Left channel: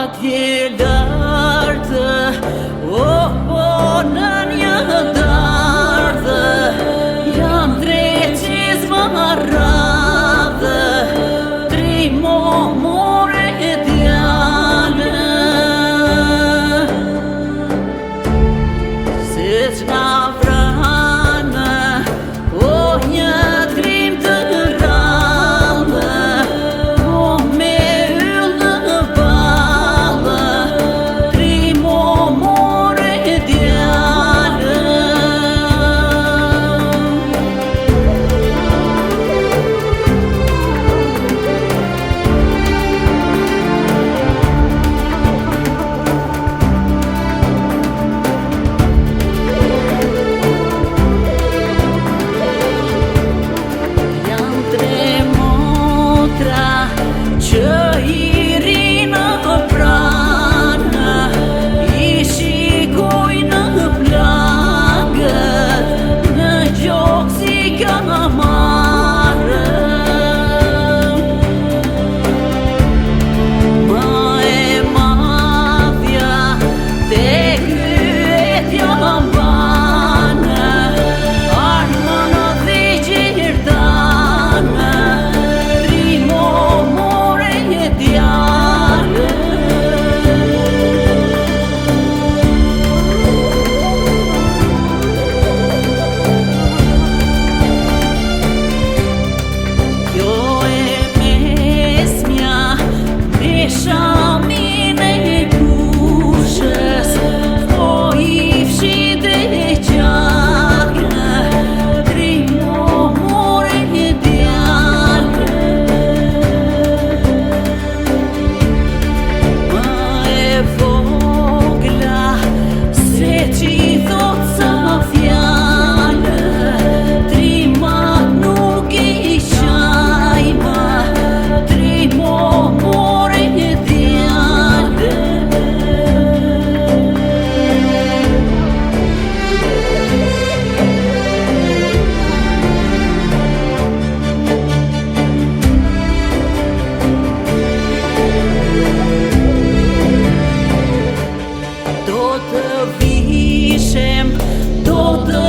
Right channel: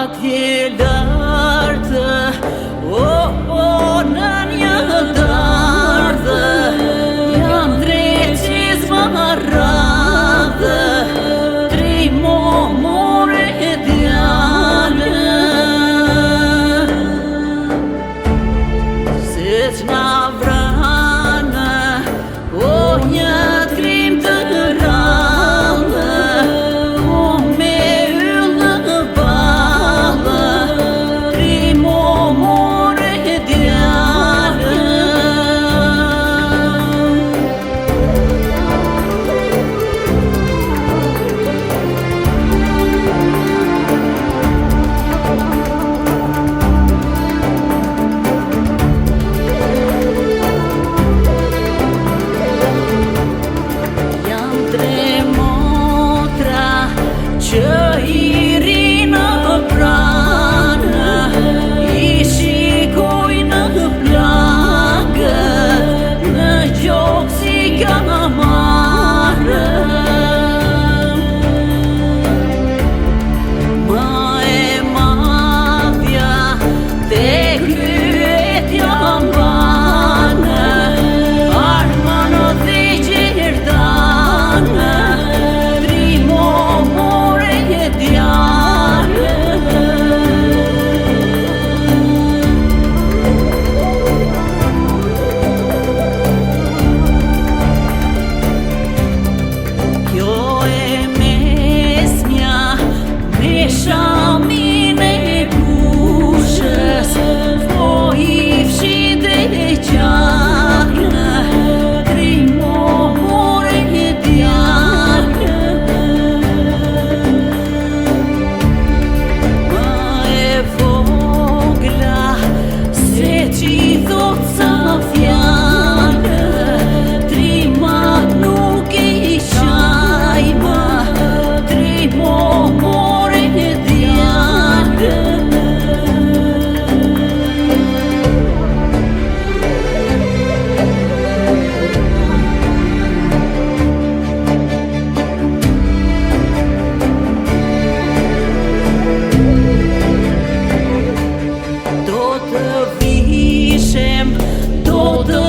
atje lartë, po në një dardhë, jam dreqis më radhë, tri more djallë, se që vranë, o një trim të rallë, o me yllë balë, tri more djallë. Tre motra që i rinë pranë, i shikoj në plagë, në gjokë si ka marrë. Ma e madhja te kryetja mbanë, armën dhe gjerdanë, kjo e mesmja me shamin e kushës, po i fshin dhe gjarë, tri more djallë. Ma e vogla se që i thot sa fjallë, tri mat nuk i qajma, tri more djallë. Do të vishem, do të